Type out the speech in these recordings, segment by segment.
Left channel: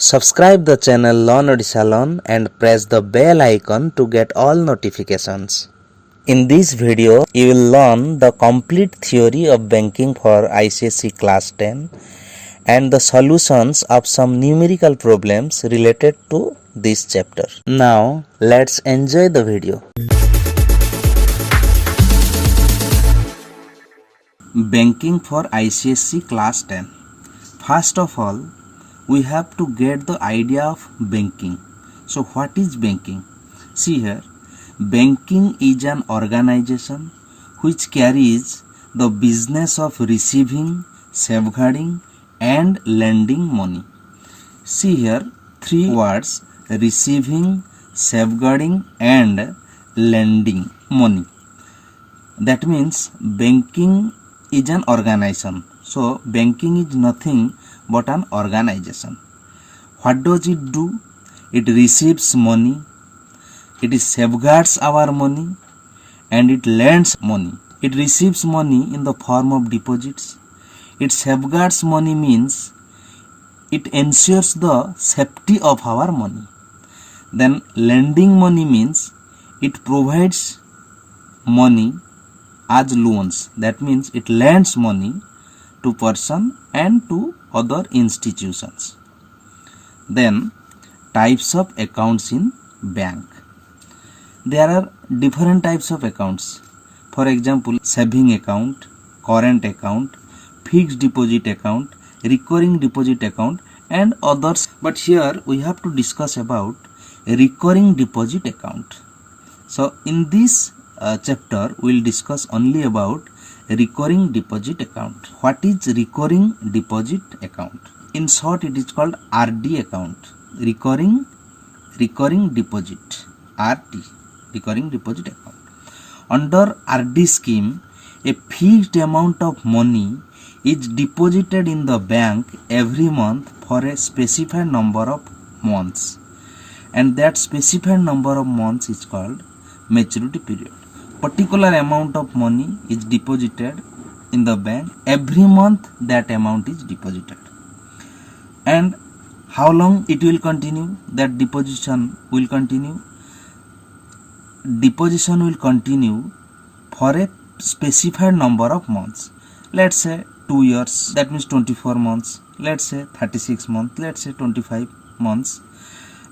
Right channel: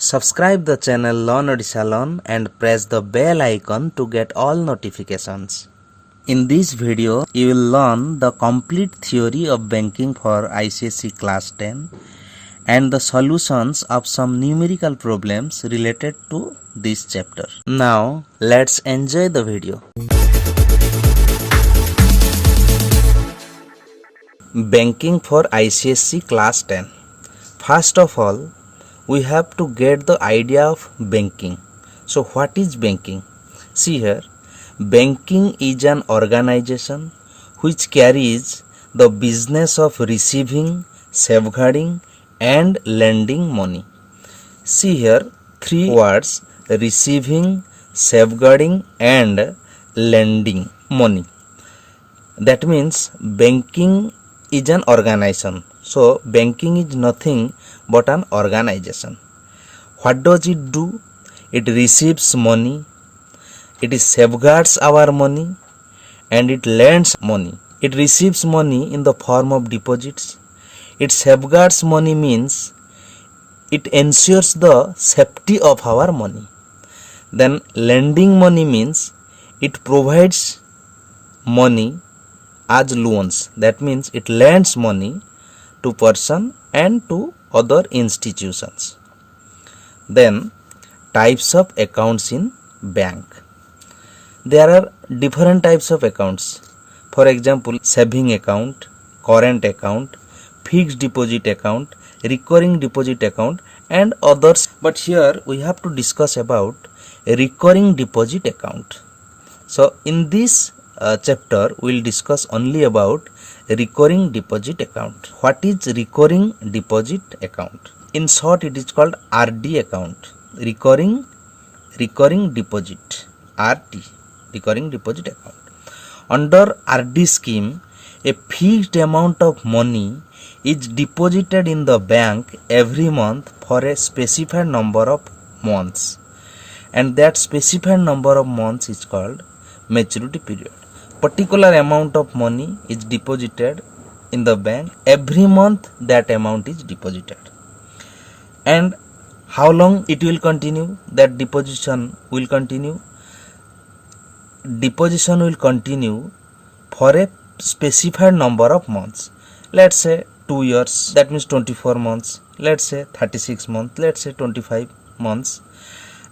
Subscribe the channel Learn Odisha Learn and press the bell icon to get all notifications. In this video, you will learn the complete theory of banking for ICSE class 10 and the solutions of some numerical problems related to this chapter. Now, let's enjoy the video. Banking for ICSE class 10. First of all, we have to get the idea of banking. So what is banking? See here, banking is an organization which carries the business of receiving, safeguarding and lending money. See here, three words: receiving, safeguarding and lending money. That means banking is an organization. So banking is nothing but an organization. What does it do? It receives money, it safeguards our money and it lends money. It receives money in the form of deposits. It safeguards money means it ensures the safety of our money. Then lending money means it provides money as loans. That means it lends money to person and to other institutions. Then types of accounts in bank. There are different types of accounts. For example, saving account, current account, fixed deposit account, recurring deposit account and others. But here we have to discuss about a recurring deposit account. So in this chapter we will discuss only about recurring deposit account. What is recurring deposit account? In short, it is called RD account. Recurring deposit, RD, recurring deposit account. Under RD scheme, a fixed amount of money is deposited in the bank every month for a specified number of months, and that specified number of months is called maturity period. Particular amount of money is deposited in the bank. Every month that amount is deposited. And how long it will continue? That deposition will continue. Deposition will continue for a specified number of months. Let's say 2 years, that means 24 months. Let's say 36 months, let's say 25 months.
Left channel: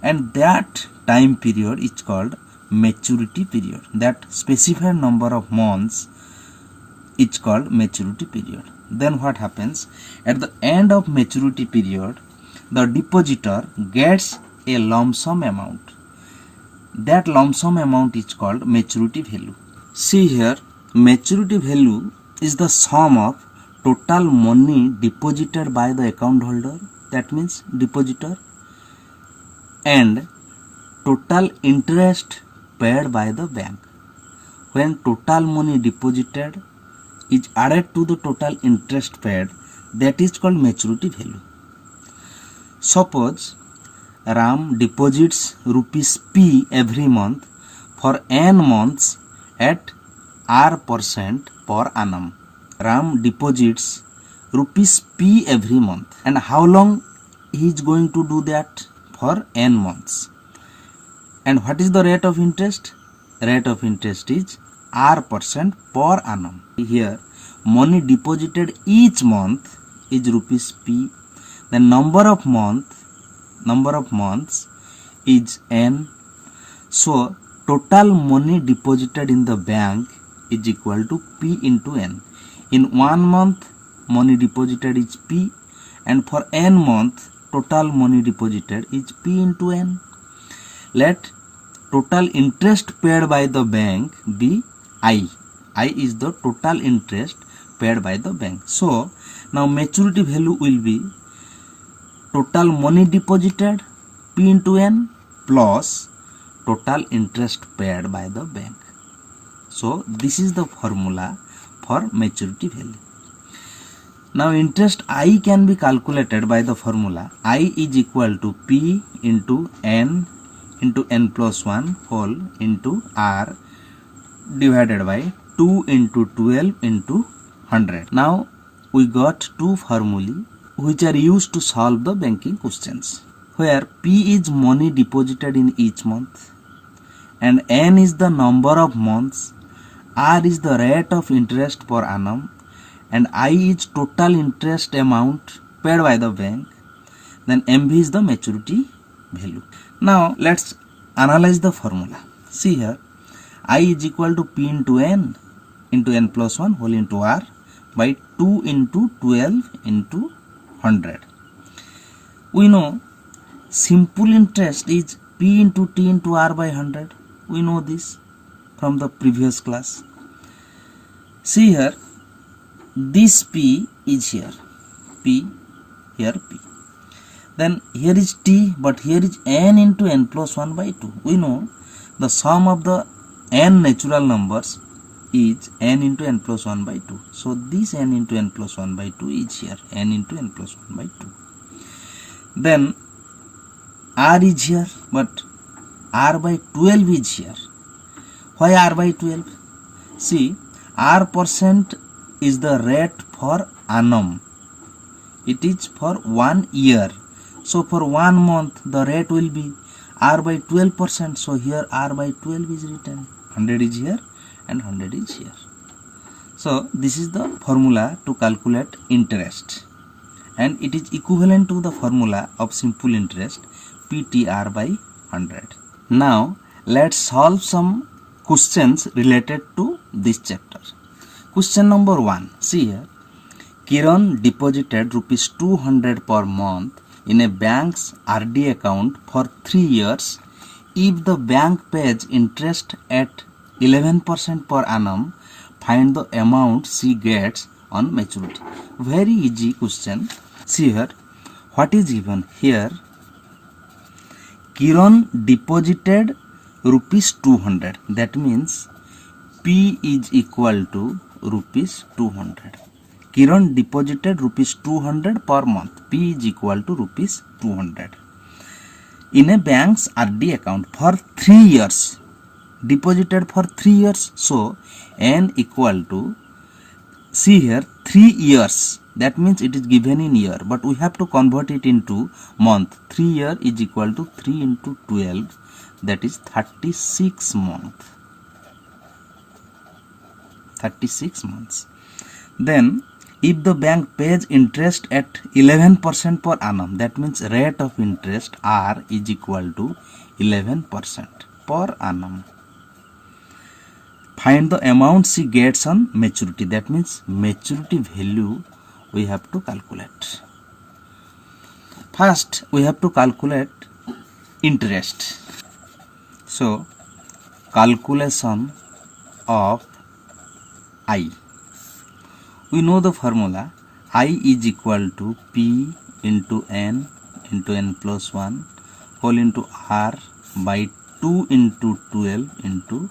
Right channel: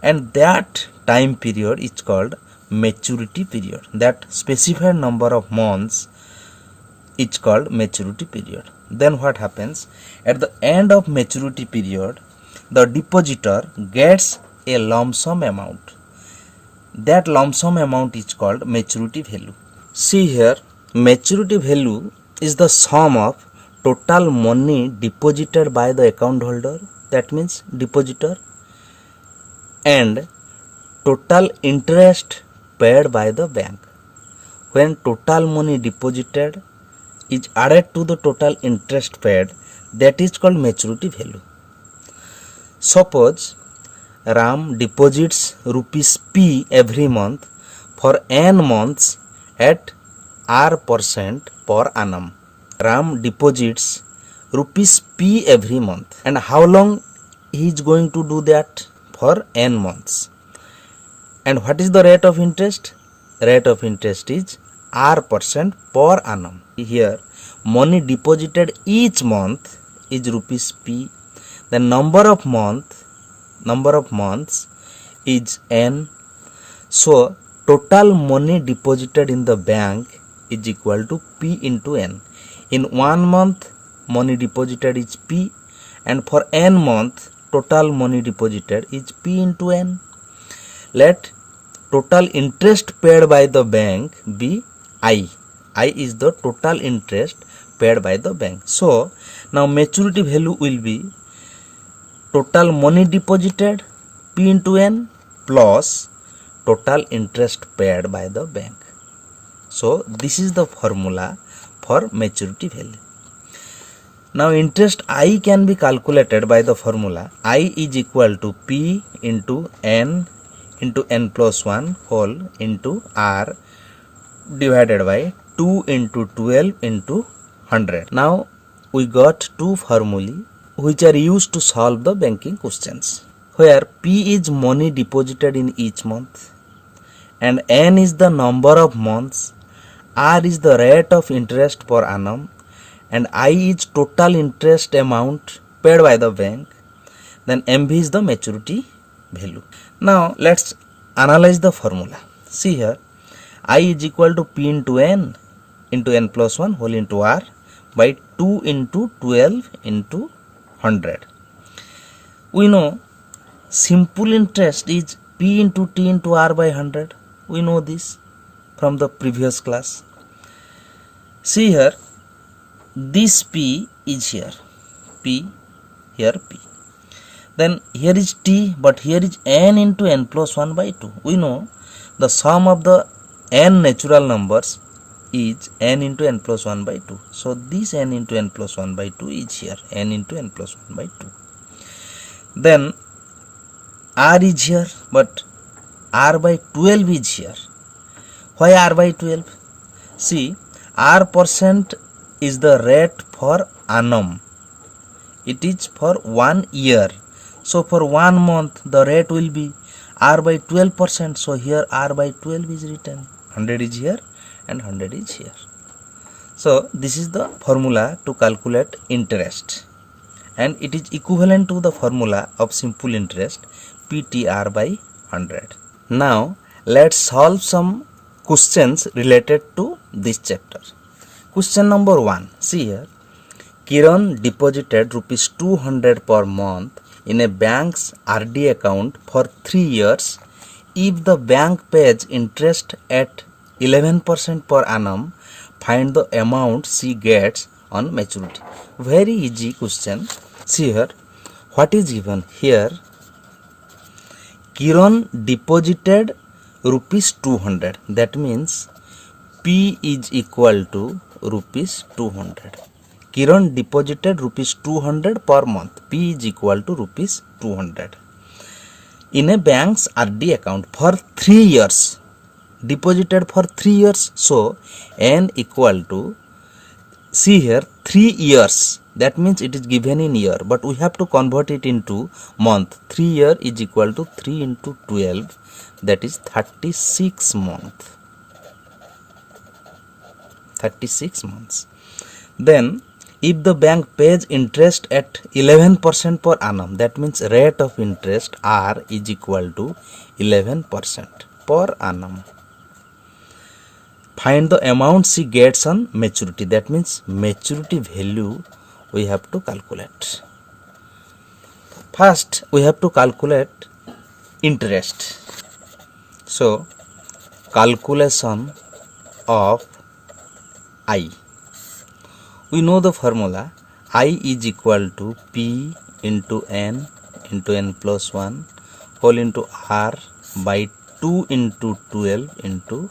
And that time period is called maturity period. That specified number of months is called maturity period. Then what happens? At the end of maturity period, the depositor gets a lump sum amount. That lump sum amount is called maturity value. See here, maturity value is the sum of total money deposited by the account holder, that means depositor, and total interest paid by the bank. When total money deposited is added to the total interest paid, that is called maturity value. Suppose Ram deposits rupees P every month for n months at R% per annum. Ram deposits rupees P every month. And how long he is going to do that? For n months. And what is the rate of interest? Rate of interest is R% per annum. Here, money deposited each month is rupees P. The number of months is N. So, total money deposited in the bank is equal to P into N. In 1 month, money deposited is P, and for N month, total money deposited is P into N. Let total interest paid by the bank be I. I is the total interest paid by the bank. So, now maturity value will be total money deposited P into N plus total interest paid by the bank. So, this is the formula for maturity value. Now, interest I can be calculated by the formula I is equal to P into N plus 1 whole into R divided by 2 into 12 into 100. Now we got two formulae which are used to solve the banking questions. where P is money deposited in each month and N is the number of months, R is the rate of interest per annum, and I is total interest amount paid by the bank, then MV is the maturity value. Now let's analyze the formula. See here, I is equal to P into N plus 1 whole into R by 2 into 12 into 100. We know simple interest is P into T into R by 100. We know this from the previous class. See here, this P is here, P, here P. Then here is T, but here is N into N plus 1 by 2. We know the sum of the N natural numbers is N into N plus 1 by 2. So this N into N plus 1 by 2 is here, N into N plus 1 by 2. Then R is here, but R by 12 is here. Why R by 12? See, R% is the rate for annum. It is for 1 year. So for 1 month the rate will be R by 12%. So here R by 12 is written. 100 is here and 100 is here. So this is the formula to calculate interest. And it is equivalent to the formula of simple interest PTR by 100. Now let's solve some questions related to this chapter. Question number 1. See here. Kiran deposited rupees 200 per month in a bank's RD account for 3 years. If the bank pays interest at 11% per annum, find the amount she gets on maturity. Very easy question. See here, what is given here? Kiran deposited rupees 200. That means P is equal to rupees 200. Kiran deposited rupees 200 per month. P is equal to rupees 200 in a bank's RD account for 3 years. Deposited for 3 years. So N equal to, see here, 3 years. That means it is given in year, but we have to convert it into month. 3 year is equal to 3 into 12. That is 36 months. 36 months. Then if the bank pays interest at 11% per annum, that means rate of interest R is equal to 11% per annum. Find the amount she gets on maturity. That means maturity value we have to calculate. First we have to calculate interest. So calculation of I. We know the formula. I is equal to P into N plus 1 whole into R by 2 into 12 into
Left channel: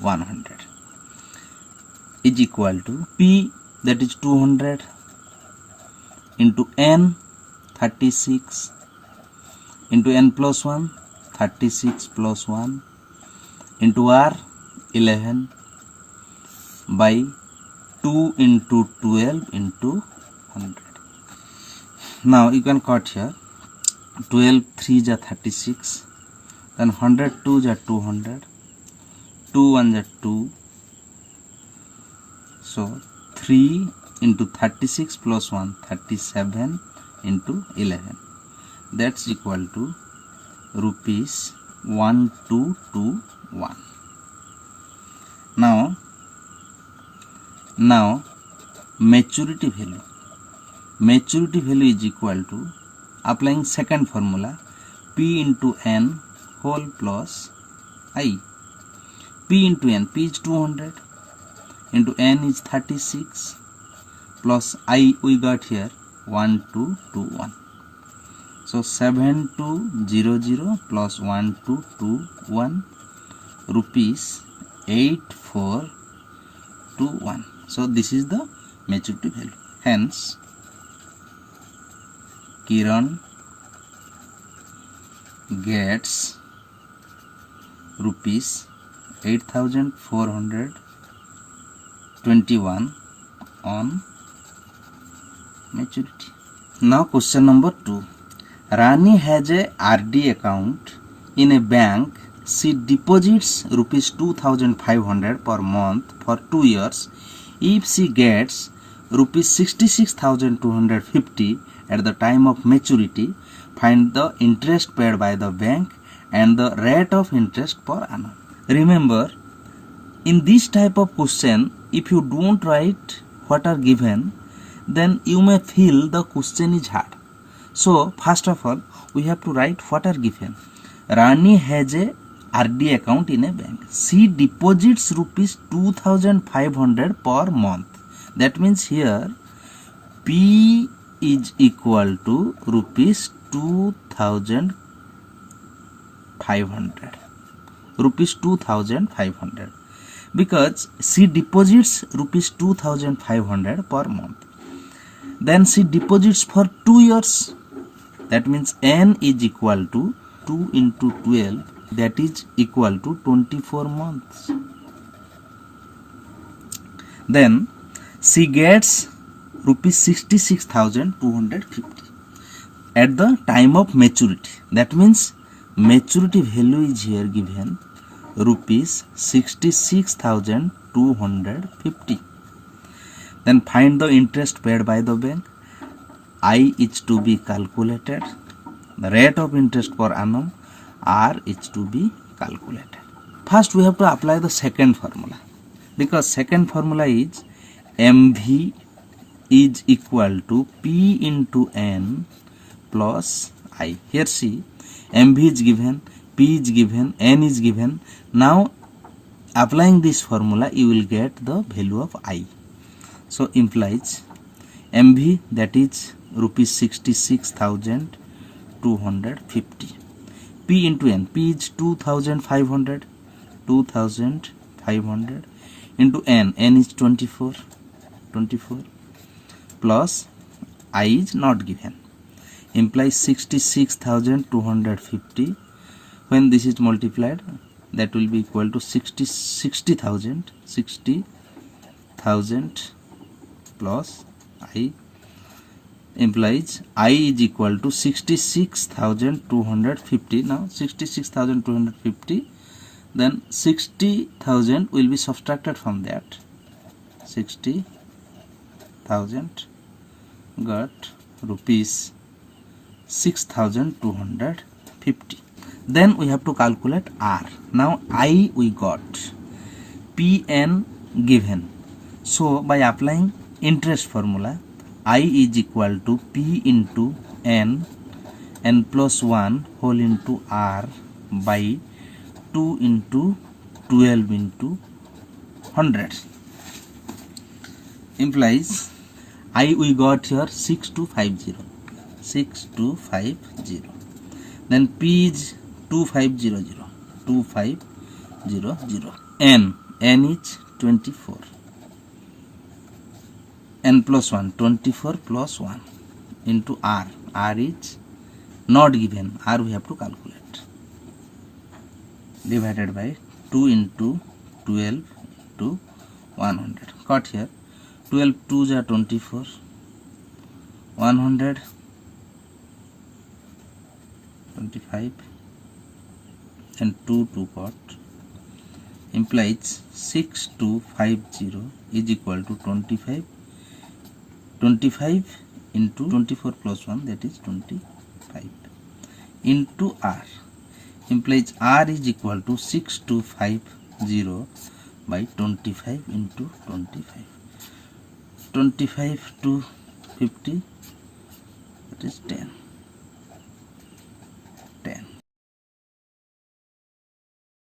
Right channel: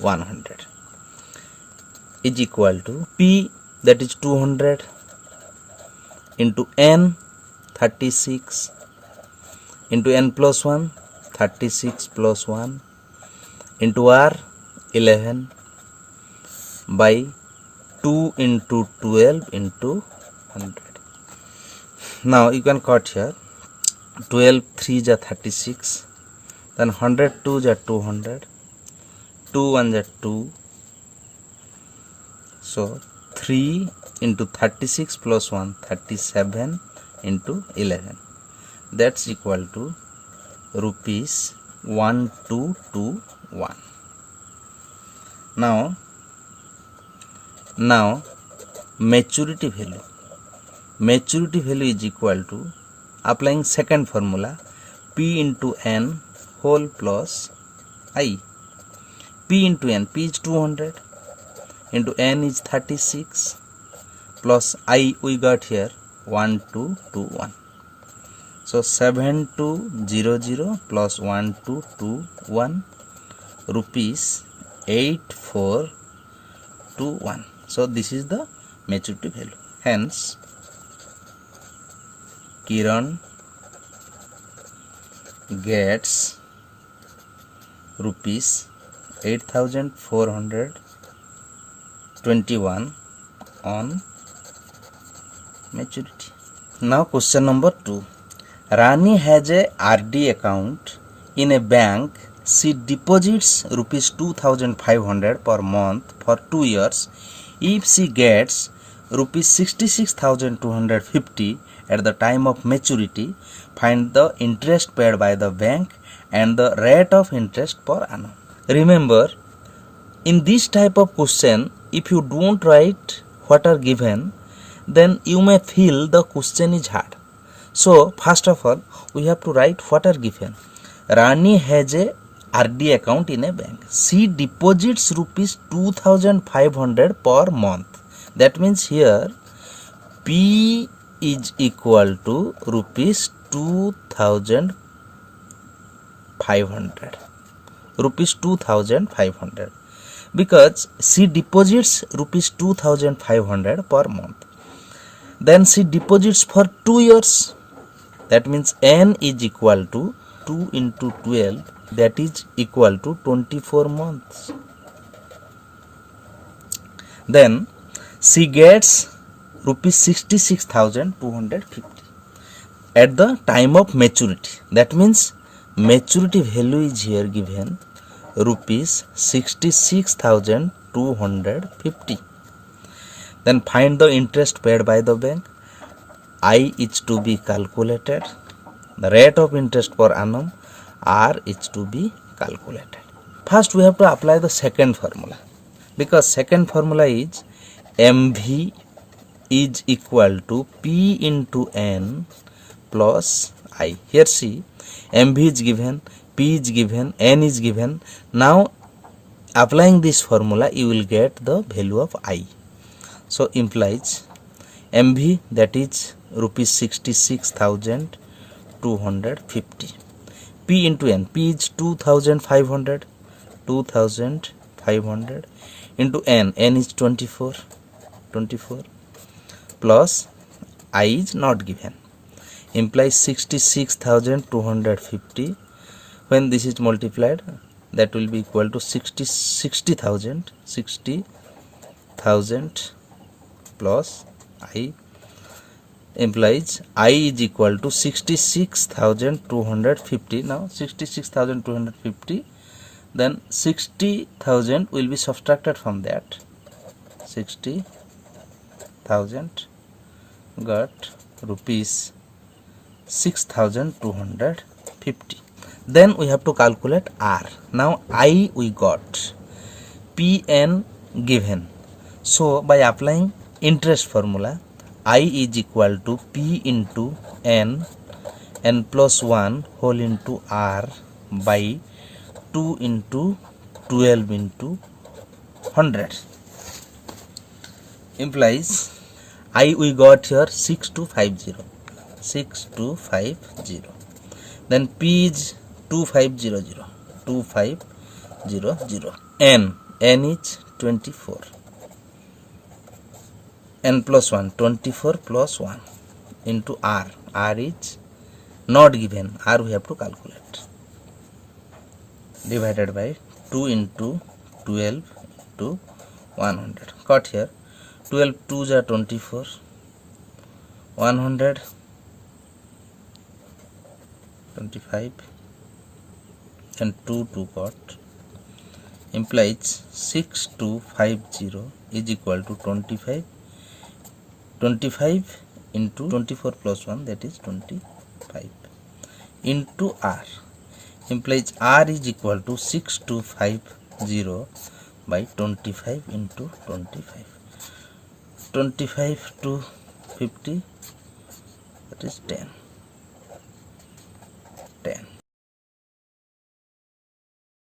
100 is equal to P, that is 200, into N 36 into N plus 1 36 plus 1 into R 11 by 2 into 12 into 100. Now you can cut here. 12 3 are 36, then 100 2 are 200, 2 1 are 2. So 3 into 36 plus 1 37 into 11. That's equal to rupees 1221. Now maturity value. Maturity value is equal to, applying second formula, P into N whole plus I. P into N, P is 200 into N is 36 plus I we got here 1221. So 7200 plus 1221 rupees 8421. So this is the maturity value. Hence Kiran gets rupees 8421 on maturity. Now question number 2. Rani has a RD account in a bank. She deposits rupees 2500 per month for 2 years. If she gets rupees 66,250 at the time of maturity, find the interest paid by the bank and the rate of interest per annum. Remember, in this type of question, if you don't write what are given, then you may feel the question is hard. So, first of all, we have to write what are given. Rani has a RD account in a bank. She deposits rupees 2500 per month. That means here P is equal to rupees 2500. Rupees 2500. Because she deposits rupees 2500 per month. Then she deposits for 2 years. That means N is equal to 2 into 12, that is equal to 24 months. Then she gets rupees 66,250 at the time of maturity. That means maturity value is here given rupees 66,250. Then find the interest paid by the bank. I is to be calculated. The rate of interest per annum, R is to be calculated. First we have to apply the second formula, because second formula is MV is equal to P into N plus I. Here see, MV is given, P is given, N is given. Now applying this formula you will get the value of I. So implies MV, that is rupees 66,250. P into N, P is 2500 into N is 24 plus I is not given, implies 66,250. When this is multiplied, that will be equal to 60,000 plus I, implies I is equal to 66,250. Now 66,250, then 60,000 will be subtracted from that. 60,000 got rupees 6,250. Then we have to calculate R. Now I we got, PN given. So by applying interest formula, I is equal to P into N plus 1 whole into R by 2 into 12 into 100. Implies I we got here 6250. Then P is 2500. N is 24. N plus 1, 24 plus 1 into R. R is not given. R we have to calculate. Divided by 2 into 12 to 100. Cut here. 12 2s are 24. 100 25 and 2 got, implies 6250 is equal to 25 into 24 plus 1, that is 25 into R, implies R is equal to 6250 by 25 into 25. 25 to 50, that is 10.